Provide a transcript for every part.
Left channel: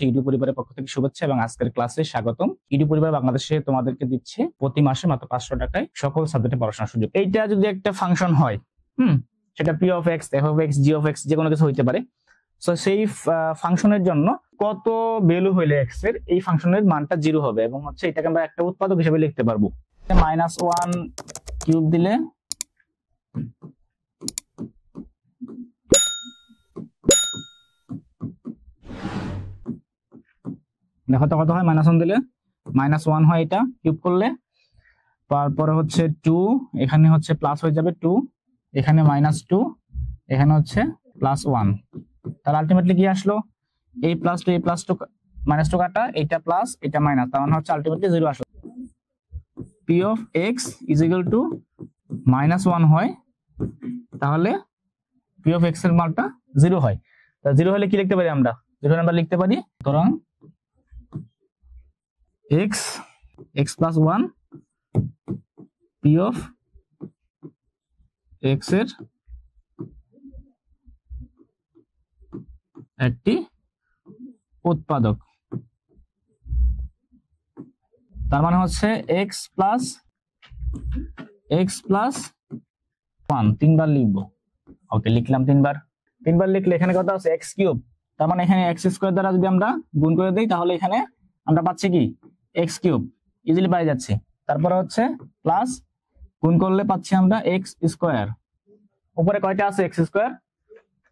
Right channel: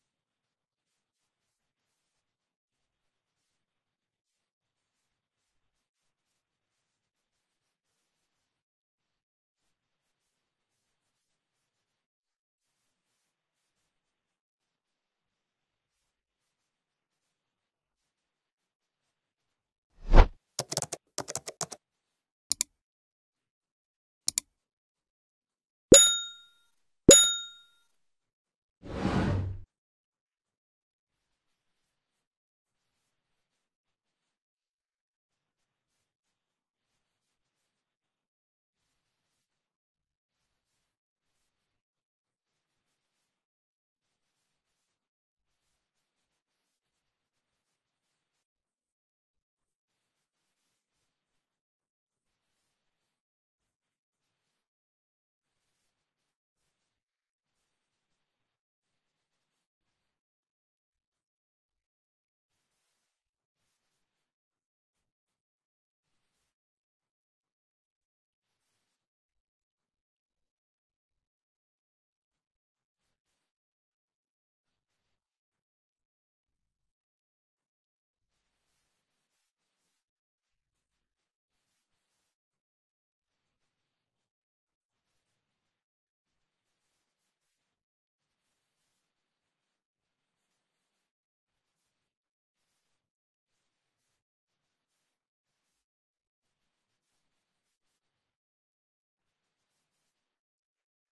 হচ্ছে ইডি পরিবারের পক্ষ থেকে শুভেচ্ছা এবং আজকের ক্লাসে স্বাগতম। ইডি পরিবার বাংলাদেশে তোমাদেরকে দিচ্ছে প্রতি মাসে মাত্র 500 টাকায় সকল সাবজেক্টে পড়াশোনার সুযোগ। এইটা যদি একটা ফাংশন হয়, সেটা P of x, F of x, G of x, যে কোনো কিছু হইতে পারে। সো সেই ফাংশনের জন্য কত ভ্যালু হইলে এক্স এর এই ফাংশনের মানটা 0 হবে এবং হচ্ছে এটাকে আমরা একটা উৎপাদক হিসেবে লিখতে পারবো। -1 কিউব দিলে দেখো তো কত হয়, -1 দিলে -1 হয়, এটা কিউব করলে। তারপরে হচ্ছে 2, এখানে হচ্ছে প্লাস হয়ে যাবে 2, এখানে -2, এখানে হচ্ছে +1। তাহলে আলটিমেটলি কি আসলো, a + 2 a + 2 -2 কাটা, এটা প্লাস এটা মাইনাস, তার মানে হচ্ছে আলটিমেটলি 0 আসলো। p of x = -1 হয়, তাহলে p of x এর মানটা 0 হয়। তা 0 হলে কি লিখতে পারি আমরা? 0 আমরা লিখতে পারি সুতরাং x + 1 p of x এর একটি উৎপাদক। তার মানে হচ্ছে x + 1 তিনবার লিখবো। ওকে, লিখলাম তিনবার লিখলে এখানে কত আছে, x3। তার মানে এখানে x² দ্বারা যদি আমরা গুণ করে দেই তাহলে এখানে আমরা পাচ্ছি কি x3, ইজিলি পাই যাচ্ছে। তারপরে হচ্ছে প্লাস গুণ করলে পাচ্ছি আমরা x²। উপরে কয়টা আছে x²?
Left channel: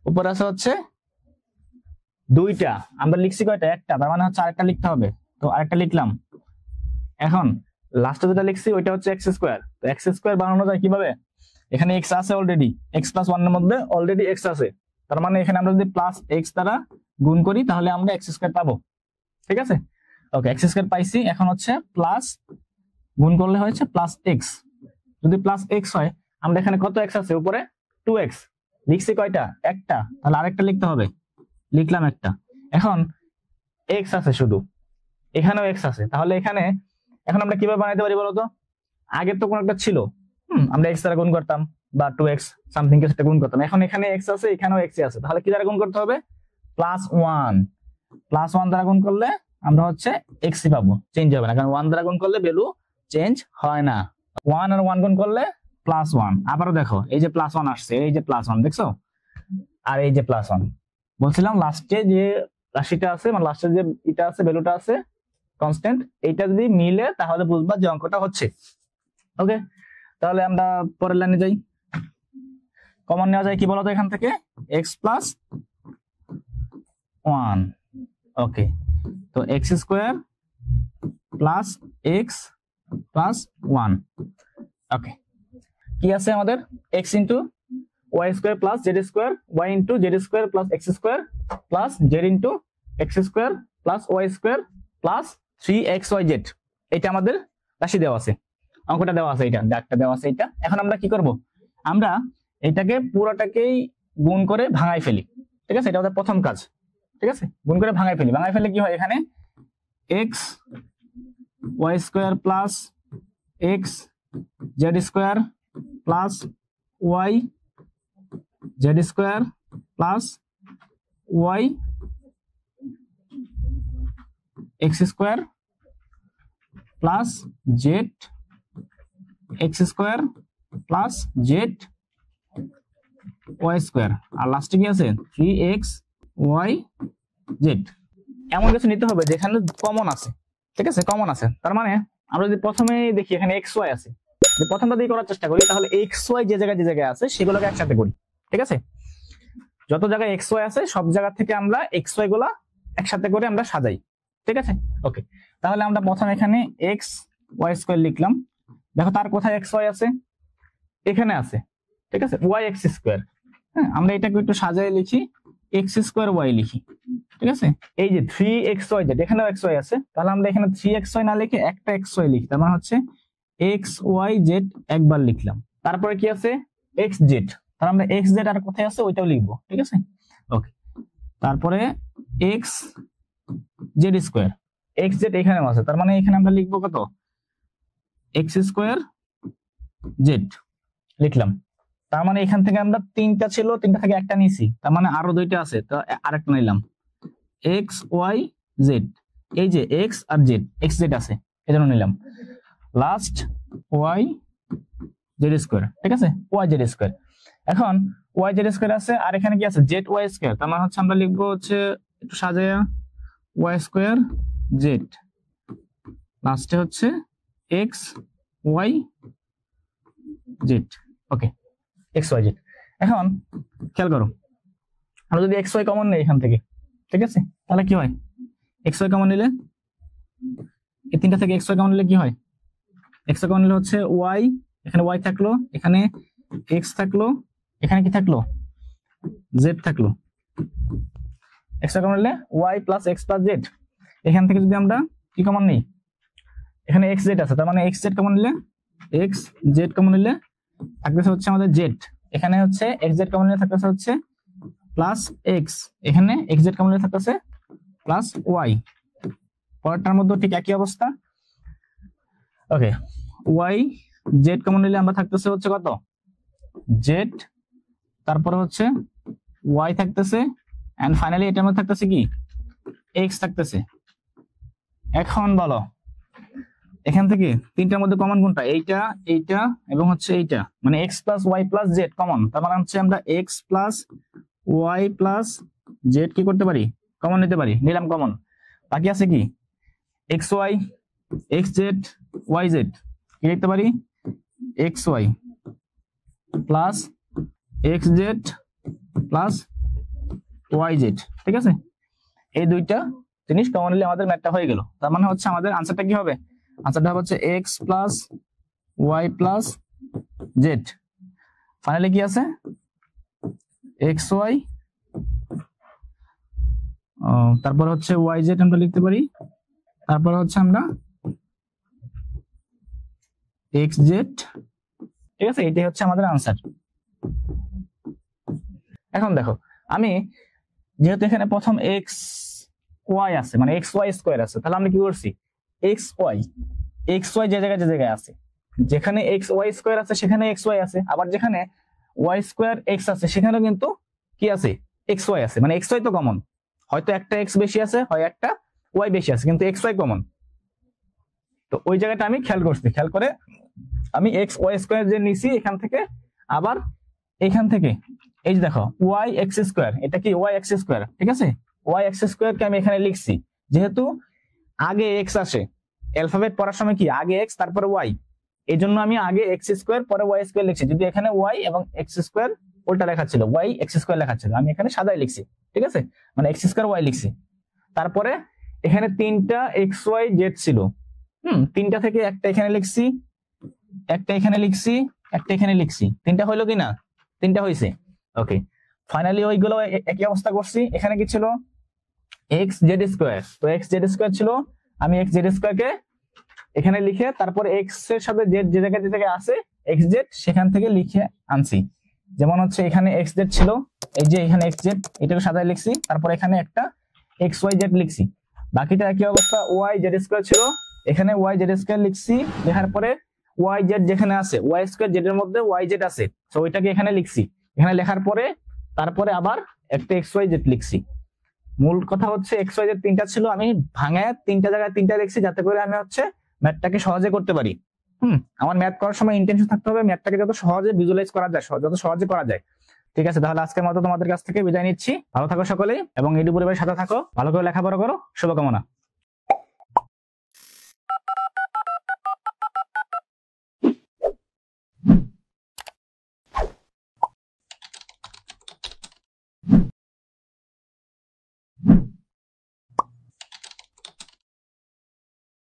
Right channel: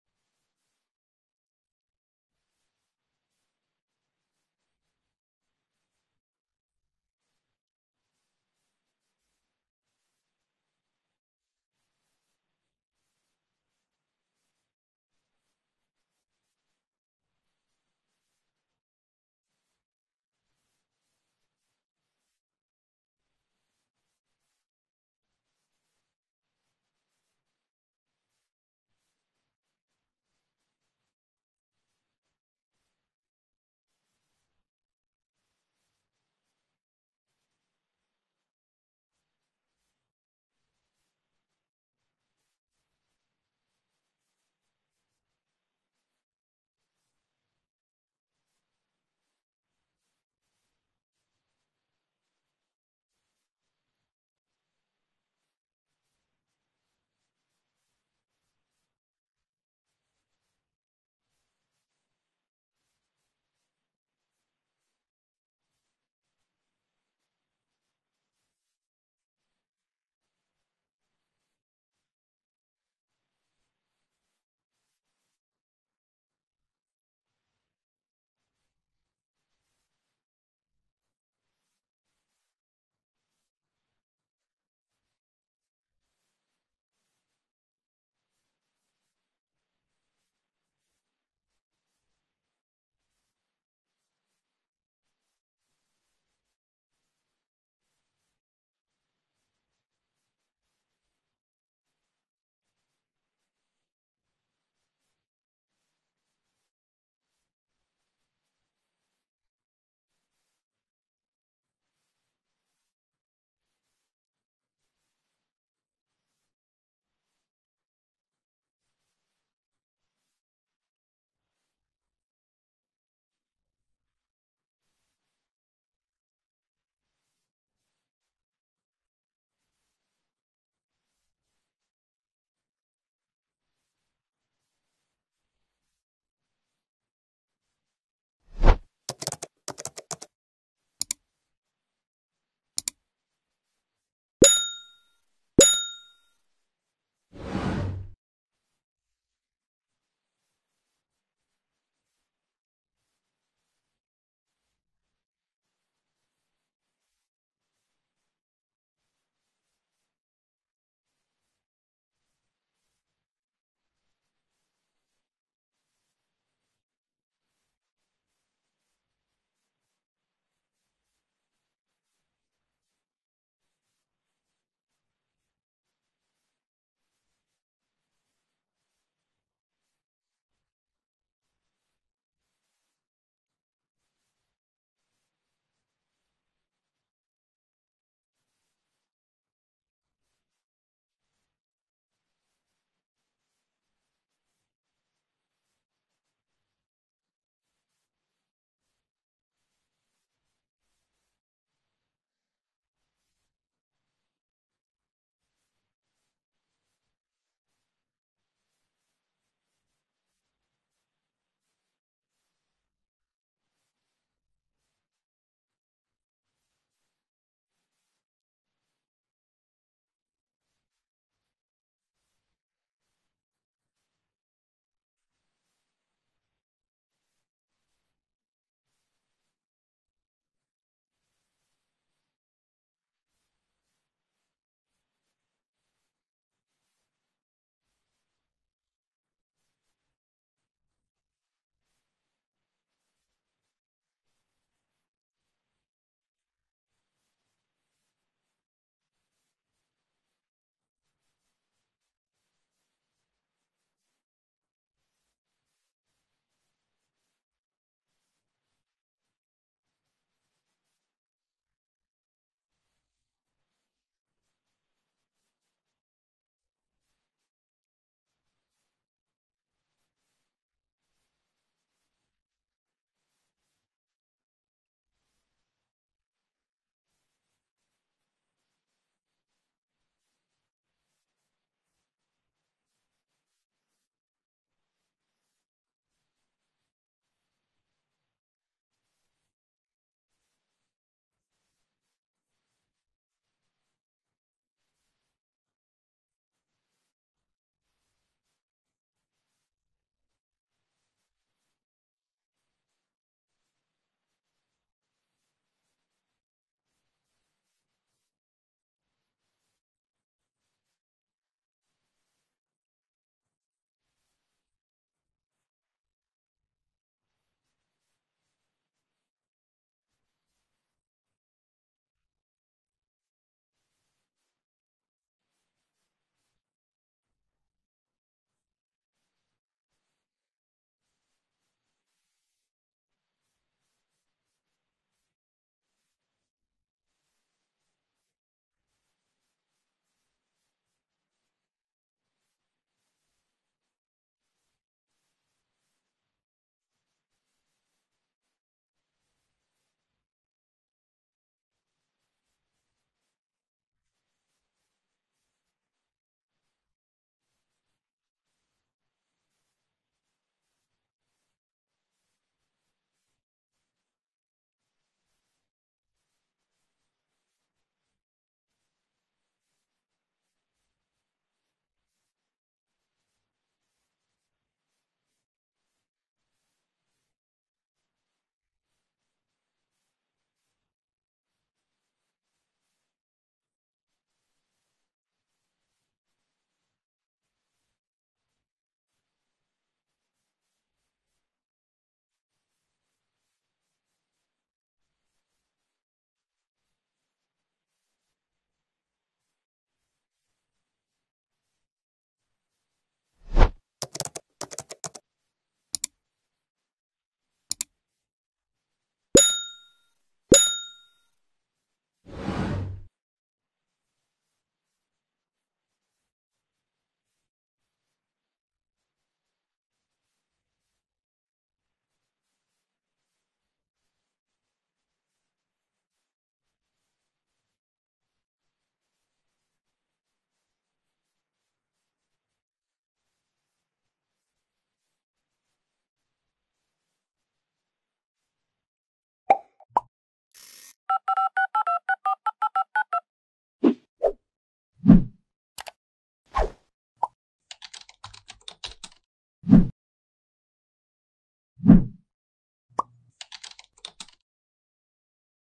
উপরে আছে হচ্ছে 2টা, আমরা লিখছি কয়টা? একটা, তার মানে হচ্ছে আরেকটা লিখতে হবে। তো আরেকটা লিখলাম। এখন লাস্টে যেটা লিখছি ওইটা হচ্ছে x²। তো x² বানানো যায় কিভাবে? এখানে x আছে অলরেডি, x + 1 এর মধ্যে অলরেডি x আছে, তার মানে এখানে আমরা যদি +x দ্বারা গুণ করি তাহলে আমরা x² পাবো। ঠিক আছে, ওকে, x² পাইছি। এখন হচ্ছে প্লাস গুণ করলে হচ্ছে +x। যদি +x হয়, আমরা এখানে কত x আছে? উপরে 2x লিখছি, কয়টা? একটা, তাহলে আরেকটা লিখতে হবে, লিখলাম একটা। এখন x আছে শুধু, এখানেও x আছে, তাহলে এখানে এখন আমরা কিভাবে বানাইতে পারি বলতো? আগে তো কোন একটা ছিল, আমরা x দ্বারা গুণ করতাম বা 2x সামথিং কে সেটা গুণ করতাম। এখন এখানে x আছে, এখানেও x আছে, তাহলে কি দ্বারা গুণ করতে হবে? +1 দ্বারা গুণ করলে আমরা হচ্ছে x পাবো, চেঞ্জ হবে না, কারণ 1 দ্বারা গুণ করলে ভ্যালু চেঞ্জ হয় না। 1 আর 1 গুণ করলে +1। আবারও দেখো, এই যে +1 আসছে, এই যে +1 দেখছো, আর এই যে +1। বলছিলাম লাস্টে যে রাশিটা আছে, মানে লাস্টে যে এটা আছে, ভ্যালুটা আছে কনস্ট্যান্ট, এইটা যদি মিলে তাহলে বুঝবা যে অঙ্কটা হচ্ছে। ওকে, তাহলে আমরা পরের লাইনে যাই। কমন নেওয়া যায় কি বলতো এখান থেকে? x + 1। ওকে, তো x² + x + 1। ওকে, কি আছে আমাদের? x * y² + z² y * z² + x² + z * x² + y² + 3xyz। এটা আমাদের রাশি দেওয়া আছে, অঙ্কটা দেওয়া আছে, এটা দাগটা দেওয়া আছে। এটা এখন আমরা কি করব? আমরা এটাকে পুরোটাকেই গুণ করে ভাঙাই ফেলি। ঠিক আছে, এটা আমাদের প্রথম কাজ। ঠিক আছে, গুণ করে ভাঙাই ফেলে কি হয়? এখানে x y² + x z² + y z² + y x² + z x² + z y², আর লাস্টে কি আছে? 3xyz। এমন কিছু নিতে হবে যেখানে কমন আছে। ঠিক আছে, কমন আছে, তার মানে আমরা যদি প্রথমে দেখি এখানে xy আছে, যে প্রথমটা দিয়ে করার চেষ্টা করি, তাহলে xy যে জায়গায় আছে সেগুলোকে একসাথে করি। ঠিক আছে, যত জায়গায় xy আছে সব জায়গা থেকে আমরা xy গুলা একসাথে করে আমরা সাজাই। ঠিক আছে, ওকে, তাহলে আমরা প্রথমে এখানে xy² লিখলাম। দেখো তার কোথায় xy আছে? এখানে আছে। ঠিক আছে, yx²। হ্যাঁ, আমরা এটাকে একটু সাজায় লিখি, x²y লিখি। ঠিক আছে, এই যে 3xyz, এখানেও xy আছে, তাহলে আমরা এখানে 3xy না লিখে একটা xy লিখি, তার মানে হচ্ছে xyz একবার লিখলাম। তারপরে কি আছে? xz, তাহলে আমরা xz আর কোথায় আছে ওইটাও লিখবো। ঠিক আছে, ওকে, তারপরে xz², xz এখানেও আছে, তার মানে এখানে আমরা লিখবো কত? x² z লিখলাম। তার মানে এখান থেকে আমরা 3টা ছিল, 3টা থেকে একটা নিয়েছি, তার মানে আরো 2টা আছে, তো আরেকটা নিলাম xyz জেড, এই যে এক্স আর জেড, এক্স জেড আছে এজন্য নিলাম, লাস্ট ওয়াই জেড স্কোয়ার, ঠিক আছে, ওয়াই জেড স্কোয়ার। এখন ওয়াই জেড স্কোয়ার আছে, আর এখানে কি আছে, জেড ওয়াই স্কোয়ার, তার মানে হচ্ছে আমরা লিখবো হচ্ছে একটু সাজায়া ওয়াই স্কোয়ার জেড, লাস্টে হচ্ছে এক্স ওয়াই জেড। ওকে, এক্স ওয়াই জেড। এখন খেয়াল করো, আমরা যদি এক্স ওয়াই কমন নেই এখান থেকে, ঠিক আছে, তাহলে কি হয়, এক্স ওয়াই কমন নিলে, এই তিনটা থেকে এক্স ওয়াই কমন নিলে কি হয়, এক্স ওয়াই কমন নিলে হচ্ছে ওয়াই, এখানে ওয়াই থাকলো, এখানে এক্স থাকলো, এখানে কি থাকলো, জেড থাকলো। এক্স ওয়াই কমন নিলে Y plus X plus Z. এখান থেকে যদি আমরা কি কমন নিই, এখানে এক্স জেড আছে, তার মানে এক্স জেড কমন নিলে, এক্স জেড কমন নিলে থাকতেছে হচ্ছে আমাদের জেড, এখানে হচ্ছে এক্স জেড কমন নিলে থাকতেছে হচ্ছে প্লাস এক্স, এখানে এক্স জেড কমন নিলে থাকতেছে প্লাস ওয়াই। পরেরটার মধ্যে ঠিক একই অবস্থা। ওকে, ওয়াই জেড কমন নিলে আমরা থাকতেছে হচ্ছে কত, জেড, তারপরে হচ্ছে ওয়াই থাকতেছে, এন্ড ফাইনালি এটার মধ্যে থাকতেছে কি, এক্স থাকতেছে। এখন বলো এখান থেকে তিনটার মধ্যে কমন কোনটা, এইটা, এইটা এবং হচ্ছে এইটা, মানে X plus Y plus Z common, তার মানে হচ্ছে আমরা X plus Y plus Z কি করতে পারি, কমন নিতে পারি, নিলাম কমন। বাকি আছে কি, X Y, X Z, Y Z, কি লিখতে পারি, X Y plus X Z plus Y Z, ঠিক আছে। এই দুইটা জিনিস কমন নিলে আমাদের ম্যাথটা হয়ে গেল। তার মানে হচ্ছে আমাদের আনসারটা কি হবে, আনসারটা হবে হচ্ছে X plus Y plus Z, finally কি আছে, এক্স ওয়াই, তারপর হচ্ছে ওয়াই জেড আমরা লিখতে পারি, তারপর হচ্ছে আমরা এক্স জেড, ঠিক আছে, এটাই হচ্ছে আমাদের আনসার। এখন দেখো, আমি যেহেতু এখানে প্রথম এক্স ওয়াই আছে, মানে এক্স ওয়াই স্কোয়ার আছে, তাহলে আমরা কি করছি, এক্স ওয়াই যে জায়গায় আছে, যেখানে এক্স ওয়াই স্কোয়ার আছে সেখানে এক্স ওয়াই আছে, আবার যেখানে ওয়াই স্কোয়ার এক্স আছে সেখানেও কিন্তু কি আছে, এক্স ওয়াই আছে, মানে এক্স ওয়াই তো কমন, হয়তো একটা এক্স বেশি আছে, হয় একটা ওয়াই বেশি আছে, কিন্তু এক্স ওয়াই কমন। তো ওই জায়গাটা আমি খেয়াল করছি, খেয়াল করে আমি এক্স ওয়াই স্কোয়ার যে নিছি এখান থেকে, আবার এখান থেকে এই যে দেখো ওয়াই এক্স স্কোয়ার, এটা কি ওয়াই এক্স স্কোয়ার, ঠিক আছে, ওয়াই এক্স স্কোয়ার কে আমি এখানে লিখছি, যেহেতু আগে এক্স আসে, অ্যালফাবেট পড়ার সময় কি আগে এক্স তারপরে ওয়াই, এই জন্য আমি আগে এক্স স্কোয়ার পরে ওয়াই স্কোয়ার লিখছি, যদি এখানে ওয়াই এবং এক্স স্কোয়ার উল্টা লেখা ছিল, ওয়াই এক্স স্কোয়ার লেখা ছিল, আমি এখানে সাদাই লিখছি, ঠিক আছে, মানে এক্স স্কোয়ার ওয়াই লিখছি। তারপরে এখানে তিনটা এক্স ওয়াই জেড ছিল, তিনটা থেকে একটা এখানে লিখছি, একটা এখানে লিখছি, একটা এখানে লিখছি, তিনটা হইলো কি না, তিনটা হয়েছে। ওকে, ফাইনালি ওইগুলো একই অবস্থা করছি। এখানে কি ছিল, এক্স জেড স্কোয়ার, তো এক্স জেড স্কোয়ার ছিল, আমি এক্স জেড স্কোয়ার কে এখানে লিখে তারপর এক্স এর সাথে জেড যে জায়গায় আছে এক্স জেড সেখান থেকে লিখে আনছি, যেমন হচ্ছে এখানে এক্স জেড ছিল, এই যে এখানে এক্স জেড এটাকে সাদায় লিখছি, তারপর এখানে একটা এক্স ওয়াই জেড লিখছি, বাকিটা একই অবস্থা, ওয়াই জেড স্কোয়ার ছিল, এখানে ওয়াই জেড স্কোয়ার লিখছি, লেখার পরে ওয়াই জেড যেখানে আছে ওয়াই স্কোয়ার জেড এর মধ্যে ওয়াই জেড আছে, তো ওইটাকে এখানে লিখছি, এখানে লেখার পরে তারপরে আবার একটা এক্স ওয়াই জেড লিখছি। মূল কথা হচ্ছে এক্স ওয়াই জেড তিনটা ছিল, আমি ভাঙায় তিনটা জায়গায় তিনটা লিখছি, যাতে করে আমি হচ্ছে ম্যাথটাকে সহজে করতে পারি। আমার ম্যাথ করার সময় ইন্টেনশন থাকতে হবে ম্যাথটাকে যত সহজে ভিজুয়ালাইজ করা যায়, যত সহজে করা যায়। ঠিক আছে, তাহলে আজকের মতো তোমাদের কাছ থেকে বিদায় নিচ্ছি। ভালো থাকো সকলে, এবং এডু পরিবারের সাথে থাকো, ভালো করে লেখাপড়া করো, শুভকামনা।